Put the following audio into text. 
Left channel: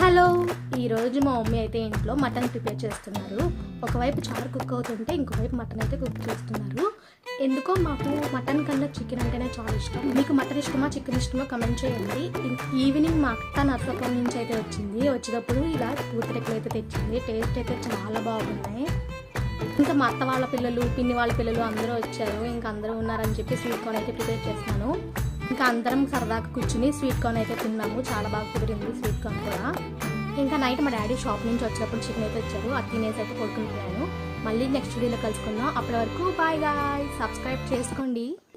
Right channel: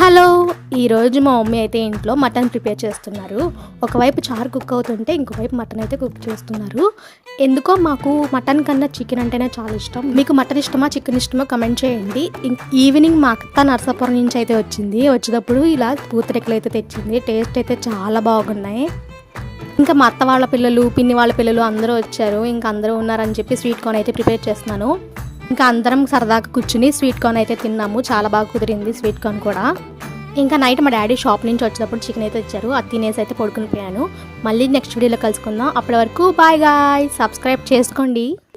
Hello! ఈరోజు మా mummy అయితే ఇంట్లో మటన్ ప్రిపేర్ చేస్తున్నారు. ఒకవైపు చారు కుక్ అవుతుంటే, ఇంకోవైపు మటన్ అయితే కుక్ చేస్తున్నారు. ఎందుకో మాకు మటన్ కన్నా చికెన్ అంటేనే చాలా ఇష్టం. మీకు మటన్ ఇష్టమా, చికెన్ ఇష్టమా కమెంట్ చేయండి. ఈవినింగ్ మా అత్త నరసాపురం నుంచి అయితే వచ్చింది. వచ్చేటప్పుడు ఇలా పూతరేకులు అయితే తెచ్చింది. టేస్ట్ అయితే చాలా బాగున్నాయి. ఇంకా మా అత్త వాళ్ళ పిల్లలు, పిన్ని వాళ్ళ పిల్లలు అందరూ వచ్చారు. ఇంకా అందరూ ఉన్నారని చెప్పి స్వీట్ కార్న్ అయితే ప్రిపేర్ చేస్తున్నాను. ఇంకా అందరం సరదాగా కూర్చుని స్వీట్ కార్న్ అయితే తిన్నాము. చాలా బాగా కుదిరింది స్వీట్ కార్న్ కూడా. ఇంకా నైట్ మా డాడీ షాప్ నుంచి వచ్చేటప్పుడు చికెన్ అయితే ఇచ్చారు. అది తినేసి అయితే పడుకుని పోయాను. మళ్ళీ నెక్స్ట్ వీడియోలో కలుసుకుందాం. అప్పటి వరకు బాయ్ గాయ్స్. సబ్స్క్రైబ్ చేసుకోండి.